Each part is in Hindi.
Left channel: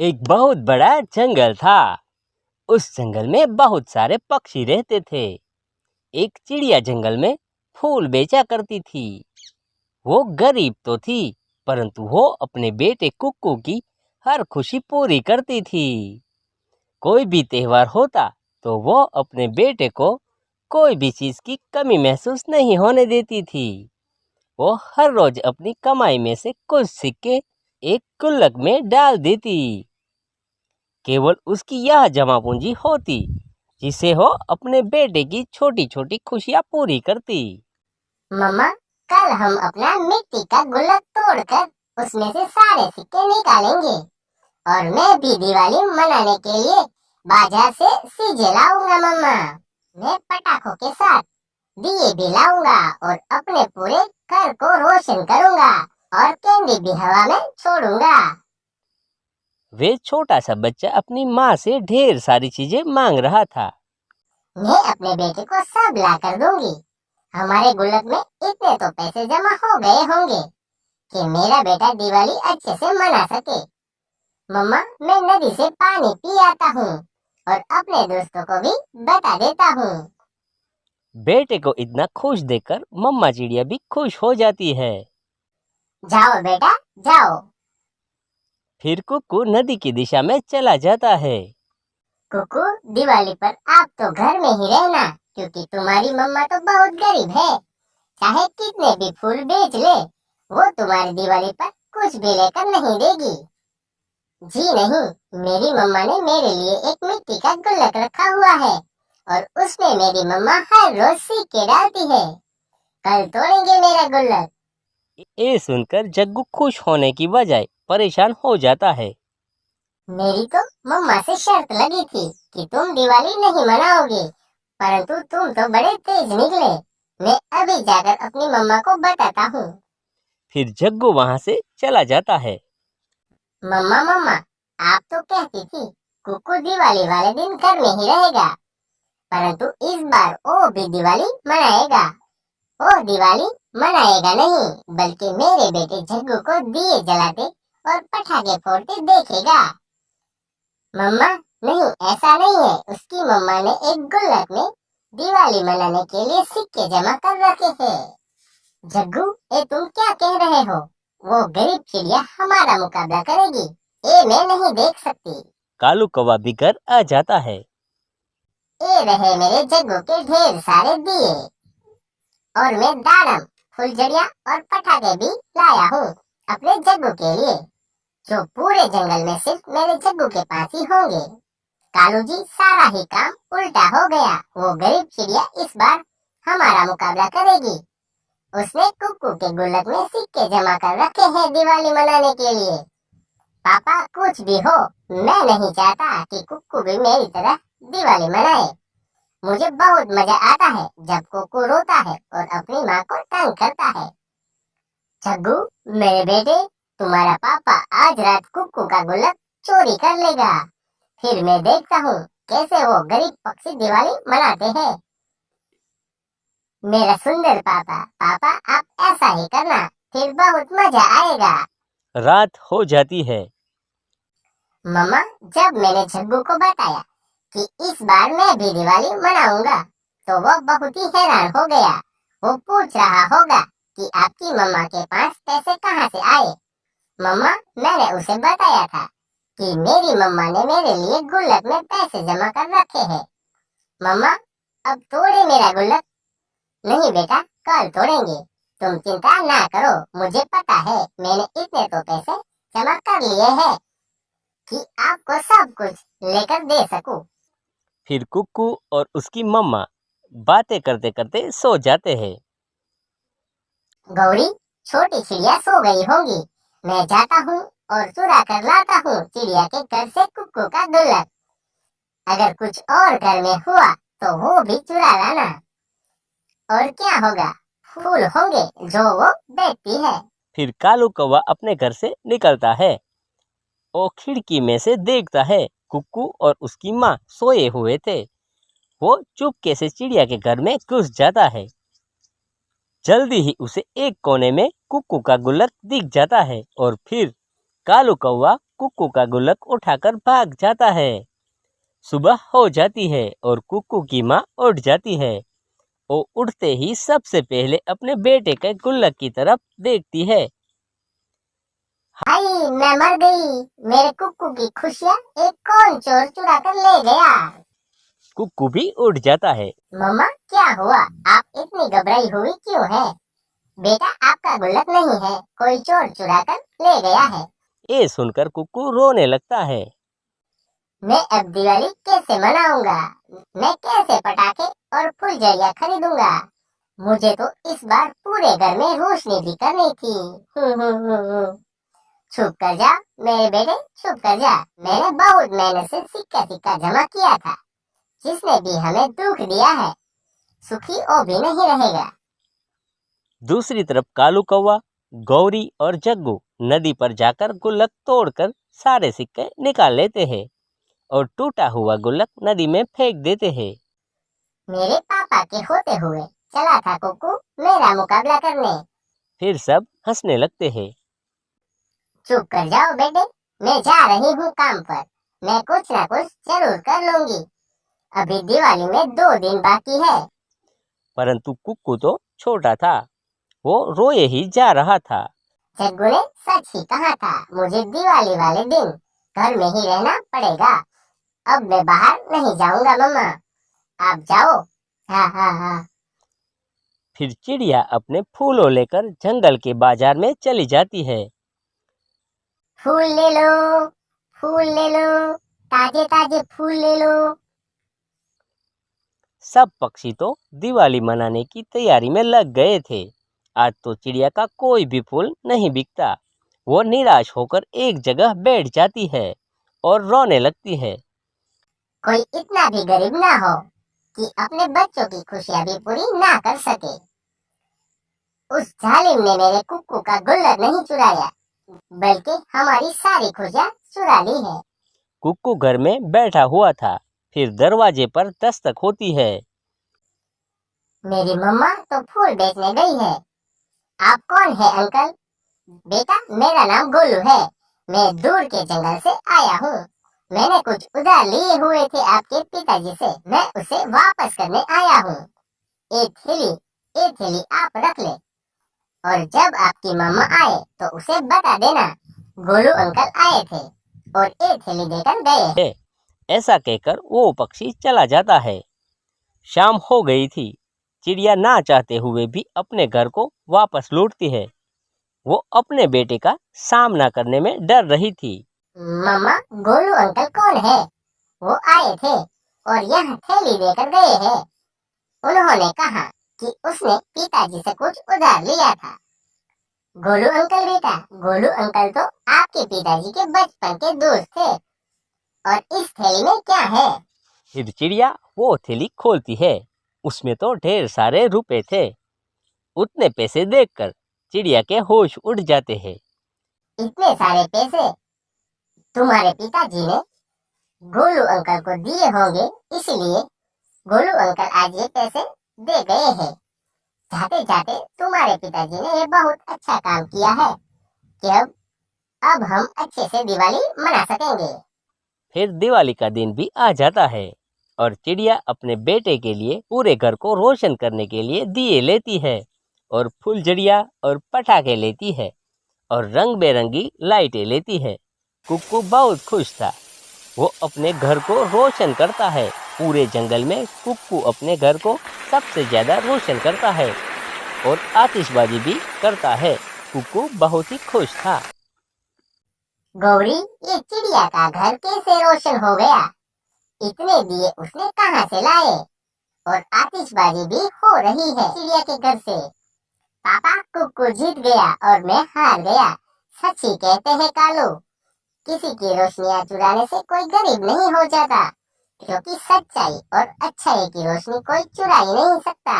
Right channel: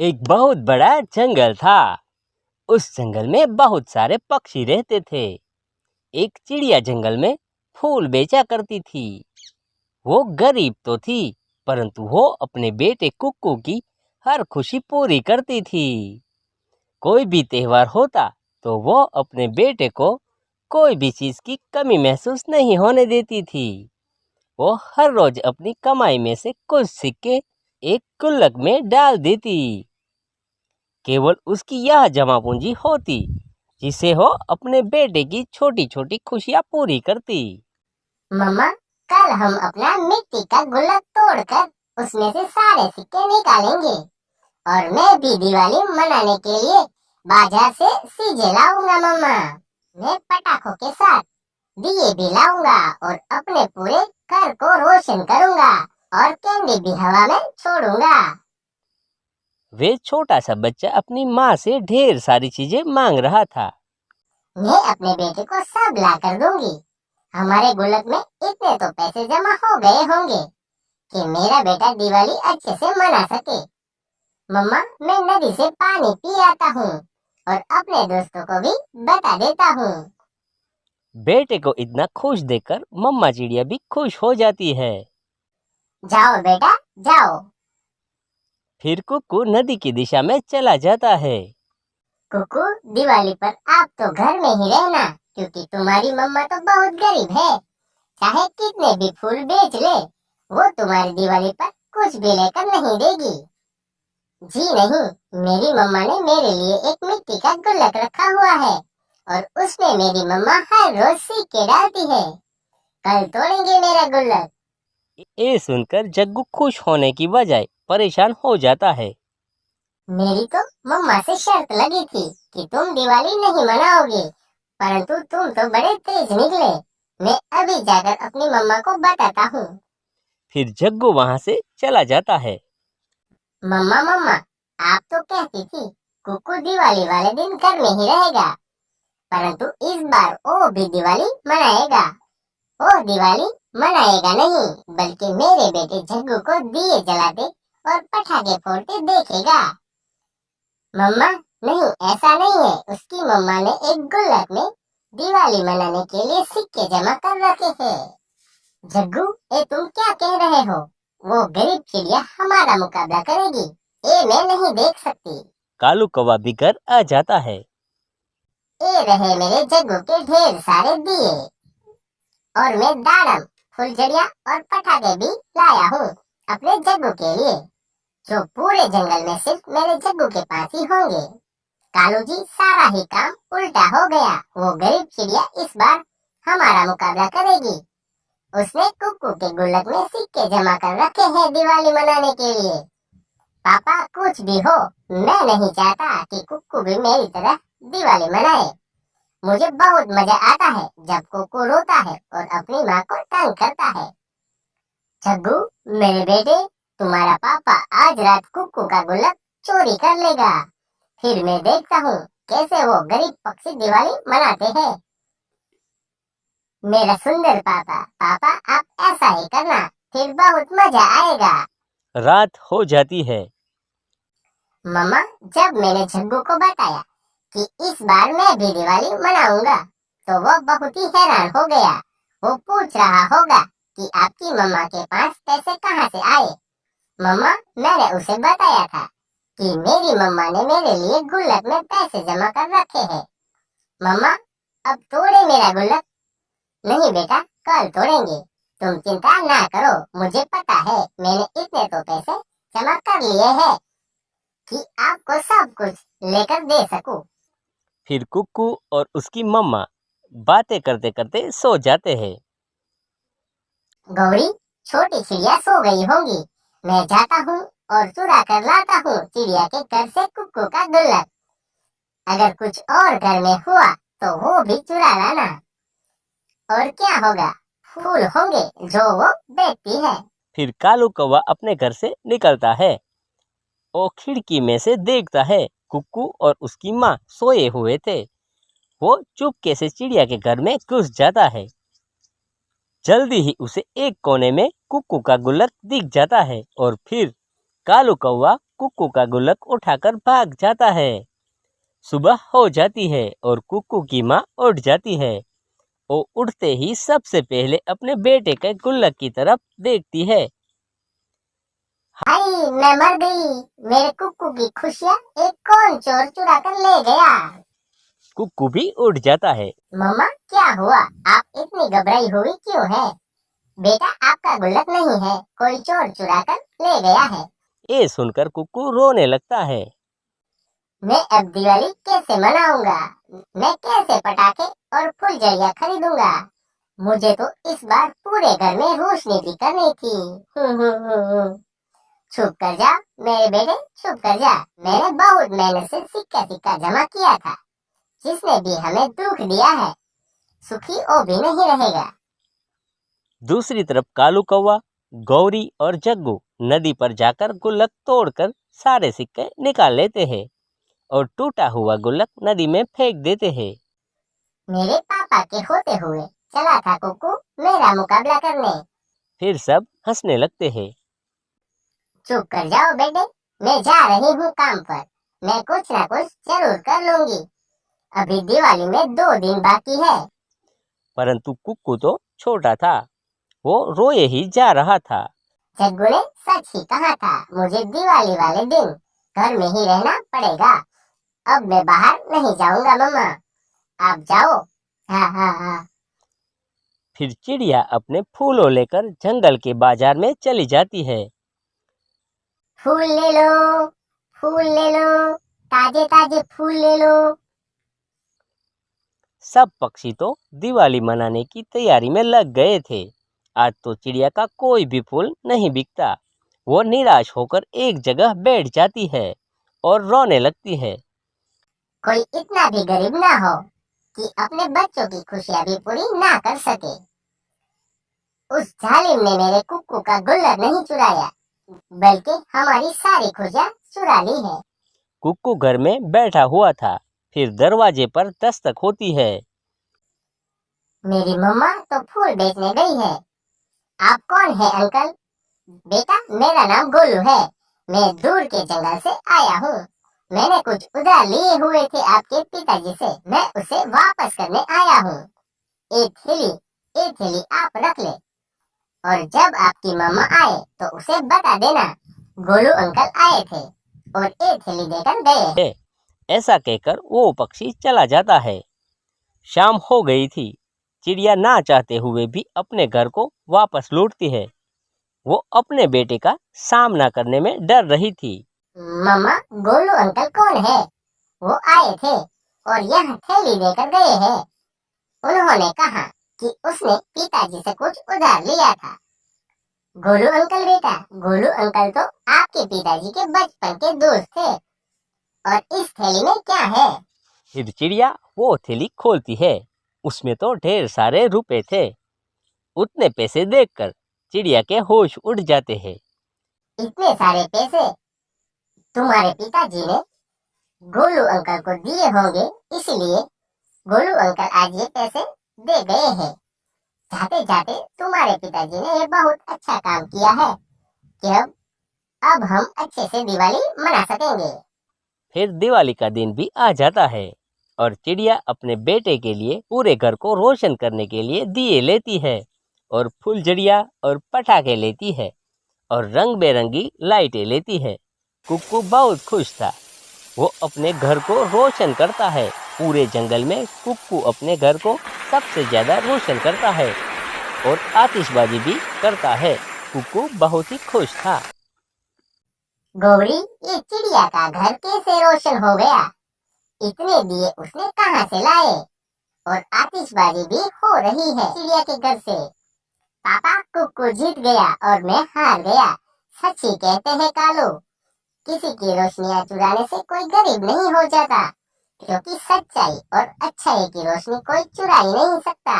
एक बहुत बड़ा जंगल था। उस जंगल में बहुत सारे पक्षी रहते थे। एक चिड़िया जंगल में फूल बेचा करती थी। वो गरीब तो थी, परंतु वो अपने बेटे कुक्कू की हर खुशी पूरी करती थी। कोई भी त्योहार होता तो वो अपने बेटे को कोई भी चीज की कमी महसूस नहीं होने देती थी। वो हर रोज अपनी कमाई में से कुछ सिक्के एक गुल्लक में डाल देती। केवल उसकी यह जमा पूंजी होती जिसे वो अपने बेटे की छोटी छोटी खुशियां पूरी करती। मम्मा, कल हम अपना मिट्टी का गुल्लक तोड़कर उसमें से सारे सिक्के निकालेंगे और मैं भी दिवाली मनाने के लिए बाजार से सीजे लाऊंगा। मम्मा, मैं पटाखों के साथ दिए भी लाऊंगा और अपने पूरे घर को रोशन करूंगा और कैंडी भी हवा में छोड़ूंगा। वे छोटा सा बच्चा अपनी माँ से ढेर सारी चीजें मांग रहा था। मैं अपने बेटे को सब ला कर दूंगी। हमारे गुल्लक में इतने तो पैसे जमा हो गए होंगे कि मेरा बेटा दिवाली अच्छे से मना सके। मम्मा, मैं नदी से पानी पी आता हूँ और अपने दोस्तों को भी बता देता हूँ। बेटे को इतना खुश देखकर मम्मा चिड़िया भी खुश हो जाती है। जाओ बेटा, जाओ। फिर कुक्कू नदी की दिशा में चला जाता है। कुकू, दिवाली पर आप तो घर में ही रहना, क्योंकि तुम्हारी मम्मा तो बहुत गरीब है। चाहे कितने भी फूल बेच ले, वो तुम्हारी दिवाली पर कुछ भी लेकर नहीं देगी। जी नहीं, मेरी मम्मा ने मेरे लिए एक मिट्टी का गुल्लक रखा हुआ है और उसमें मेरी मम्मा हर रोज सिक्के डालती है। कल तोड़ेंगे मेरा गुल्लक। ये सुनकर जग्गू खुश होने की बजाय परेशान हो जाता है। मेरी तो मम्मा से शर्त लगी थी कि तुम दिवाली नहीं मनाओगे, परंतु तुम तो बड़े तेज निकले। मैं अभी जाकर अपनी मम्मा को बताता हूँ। फिर जग्गू वहां से चला जाता है। मम्मा, मम्मा, आप तो कहती थी कुकू दिवाली वाले दिन घर में ही रहेगा, परंतु इस बार वो भी दिवाली मनाएगा। वो दिवाली मनाएगा नहीं, बल्कि मेरे बेटे जग्गू को दिए जलाते और पटाखे फोड़ते देखेगा। मम्मा, नहीं, ऐसा नहीं है। उसकी मम्मा ने एक गुल्लक में दिवाली मनाने के लिए सिक्के जमा कर रखे हैं। जग्गू, ये तुम क्या कह रहे हो? वो गरीब चिड़िया हमारा मुकाबला करेगी, ये मैं नहीं देख सकती। कालू कौवा भी घर आ जाता है। ये रहे मेरे जग्गू के ढेर सारे दिए और मैं दाड़म, फुलझड़िया और पटाखे भी लाया हूँ अपने जग्गू के लिए, जो पूरे जंगल में सिर्फ मेरे जग्गू के पास ही होंगे। कालू जी, सारा ही काम उल्टा हो गया। वो गरीब चिड़िया इस बार हमारा मुकाबला करेगी। उसने कुक्कू के गुल्लक में सिक्के जमा कर रखे हैं दिवाली मनाने के लिए। पापा, कुछ भी हो, मैं नहीं चाहता कि कुक्कू भी मेरी तरह दिवाली मनाए। मुझे बहुत मजा आता है जब कुक्कू रोता है और अपनी माँ को तंग करता है। जग्गू, मेरे बेटे, तुम्हारा पापा आज रात कुक्कू का गुल्लक चोरी कर लेगा। फिर मैं देखता हूँ कैसे वो गरीब पक्षी दिवाली मनाते हैं। मेरा सुंदर पापा, पापा आप ऐसा ही करना, फिर बहुत मजा आएगा। रात हो जाती है। मम्मा, जब मैंने जग्गू को बताया कि इस बार मैं भी दिवाली मनाऊंगा, तो वो बहुत ही हैरान हो गया। वो पूछ रहा होगा कि आपकी मम्मा के पास पैसे कहाँ से आए। मम्मा, मैंने उसे बताया था कि मेरी मम्मा ने मेरे लिए गुल्लक में पैसे जमा कर रखे हैं। मम्मा, अब तोड़े मेरा गुल्लक। नहीं बेटा, कल तोड़ेंगे। तुम चिंता ना करो, मुझे पता है मैंने इतने तो पैसे जमा कर लिए हैं कि आपको सब कुछ लेकर दे सकूं। फिर कुक्कू और उसकी मम्मा बातें करते करते सो जाते हैं। गौरी, छोटी चिड़िया सो गई होंगी। मैं जाता हूँ और चुरा कर लाता हूँ चिड़िया के घर से कुक्कू का गुल्लक। अगर कुछ और घर में हुआ तो वो भी चुरा लाना। और क्या होगा, फूल होंगे जो वो बेचती है। फिर कालू कौवा अपने घर से निकलता है। वो खिड़की में से देखता है कुक्कू और उसकी माँ सोए हुए थे। वो चुपके से चिड़िया के घर में घुस जाता है। जल्दी ही उसे एक कोने में कुक्कू का गुल्लक दिख जाता है और फिर कालू कौवा कुक्कू का गुल्लक उठाकर भाग जाता है। सुबह हो जाती है और कुक्कू की माँ उठ जाती है। वो उठते ही सबसे पहले अपने बेटे के गुल्लक की तरफ देखती है। हाय, मैं मर गई। मेरे कुक्कू की खुशियाँ एक कौन चोर चुरा कर ले गया। कुक्कू भी उठ जाता है। मम्मा, क्या हुआ? आप इतनी घबराई हुई क्यों है? बेटा, आपका गुल्लक नहीं है, कोई चोर चुरा कर ले गया है। ये सुनकर कुक्कू रोने लगता है। मैं अब दिवाली कैसे मनाऊंगा? मैं कैसे पटाखे और फुलझड़ियाँ खरीदूंगा? मुझे तो इस बार पूरे घर में रोशनी भी करनी थी। चुप कर जा मेरे बेटे, चुप कर जा। मैंने बहुत मेहनत से सिक्का सिक्का जमा किया था। जिसने भी हमें दुख दिया है, सुखी वो भी नहीं रहेगा। दूसरी तरफ कालू कौवा, गौरी और जग्गू नदी पर जाकर गुल्लक तोड़कर सारे सिक्के निकाल लेते हैं और टूटा हुआ गुल्लक नदी में फेंक देते हैं। मेरे पापा के होते हुए चला था कुक्कू मेरा मुकाबला करने। फिर सब हंसने लगते हैं। चुप कर जाओ बेटे, मैं जा रही हूँ काम पर। मैं कुछ ना कुछ जरूर कर लूंगी। अभी दिवाली में 2 दिन बाकी है। परंतु कुक्कू तो छोटा था, वो रोए ही जा रहा था। जग्गू ने सच ही कहा था, मुझे दिवाली वाले दिन घर में ही रहना पड़ेगा। अब मैं बाहर नहीं जाऊंगा मम्मा, आप जाओ। हाँ हाँ हाँ। फिर चिड़िया अपने फूलों लेकर जंगल के बाजार में चली जाती है। फूल ले लो, फूल ले लो, ताजे ताजे फूल ले लो। सब पक्षी तो दिवाली मनाने की तैयारी में लग गए थे। आज तो चिड़िया का कोई भी फूल नहीं बिकता। वो निराश होकर एक जगह बैठ जाती है और रोने लगती है। कोई इतना भी गरीब ना हो कि अपने बच्चों की खुशियां भी पूरी ना कर सके। उस जालिम ने मेरे कुक्कू का गुल्लक नहीं चुराया, बल्कि हमारी सारी खुशियां चुरा ली है। कुक्कू घर में बैठा हुआ था। फिर दरवाजे पर दस्तक होती है। मेरी मम्मा तो फूल बेचने गई है। आप कौन है अंकल? बेटा, मेरा नाम गोलू है। मैं दूर के जंगल से आया हूँ। मैंने कुछ उधार लिए हुए थे आपके पिताजी से। मैं उसे वापस करने आया हूँ। एक थैली आप रख ले, और जब आपकी मम्मा आए तो उसे बता देना गोलू अंकल आए थे और एक थैली देकर गए। ऐसा कहकर वो पक्षी चला जाता है। शाम हो गई थी। चिड़िया ना चाहते हुए भी अपने घर को वापस लौटती है। वो अपने बेटे का सामना करने में डर रही थी। मम्मा, गोलू अंकल कौन है? वो आए थे और यहाँ थैली देकर गए हैं। उन्होंने कहा कि उसने पिताजी से कुछ उधार लिया था। गोलू अंकल बेटा, गोलू अंकल तो आपके पिताजी के बचपन के दोस्त थे। और इस थैली में क्या है? फिर चिड़िया वो थैली खोलती है। उसमें तो ढेर सारे रुपए थे। उतने पैसे देखकर चिड़िया के होश उड़ जाते हैं। इतने सारे पैसे तुम्हारे पिताजी ने गोलू अंकल को दिए होंगे, इसलिए गोलू अंकल आज ये पैसे दे गए हैं। जाते जाते तुम्हारे पिताजी ने ये बहुत अच्छा काम किया है कि अब हम अच्छे से दिवाली मना सकेंगे। फिर दिवाली का दिन भी आ जाता है और चिड़िया अपने बेटे के लिए पूरे घर को रोशन करने के लिए दिए लेती है और फुलझड़िया और पटाखे लेती है और रंग बेरंगी लाइटें लेती है। कुक्कू बहुत खुश था। वो अपने घर को रोशन करता है। पूरे जंगल में कुक्कू अपने घर को सबसे ज्यादा रोशन करता है और आतिशबाजी भी करता है। कुक्कू बहुत ही खुश था। गौरी, ये चिड़िया का घर कैसे रोशन हो गया? इतने दिए उसने कहाँ से लाए? और आतिशबाजी भी हो रही है चिड़िया के घर से। पापा, कुक्कू जीत गया और मैं हार गया। सच ही कहते हैं कालू, किसी की रोशनियां चुराने से कोई गरीब नहीं हो जाता, क्योंकि सच्चाई और अच्छाई की रोशनी कोई चुरा ही नहीं सकता।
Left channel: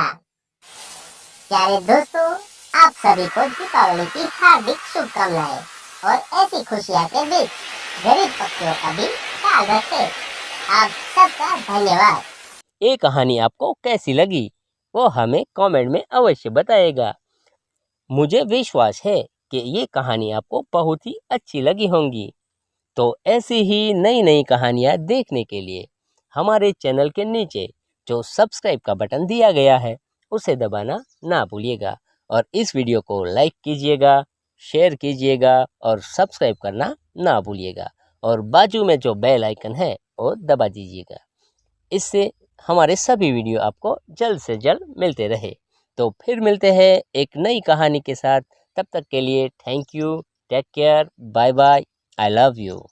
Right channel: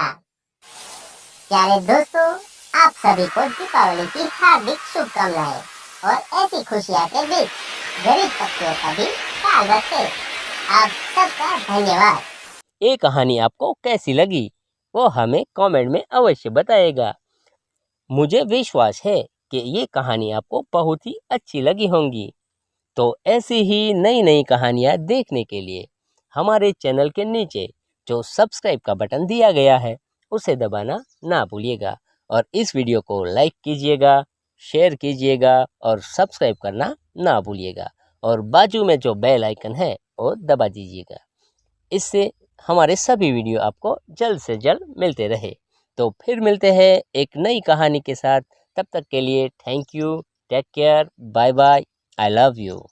प्यारे दोस्तों, आप सभी को दीपावली की हार्दिक शुभकामनाएं और ऐसी खुशियां के बीच गरीब पक्षियों का भी ख्याल रखें। आप सबका धन्यवाद। ये कहानी आपको कैसी लगी वो हमें कमेंट में अवश्य बताइएगा। मुझे विश्वास है कि ये कहानी आपको बहुत ही अच्छी लगी होंगी। तो ऐसी ही नई नई कहानियाँ देखने के लिए हमारे चैनल के नीचे जो सब्सक्राइब का बटन दिया गया है उसे दबाना ना भूलिएगा और इस वीडियो को लाइक कीजिएगा, शेयर कीजिएगा और सब्सक्राइब करना ना भूलिएगा और बाजू में जो बेल आइकन है वो दबा दीजिएगा। इससे हमारे सभी वीडियो आपको जल्द से जल्द मिलते रहे। तो फिर मिलते हैं एक नई कहानी के साथ। तब तक के लिए thank you, take care, bye bye, I love you.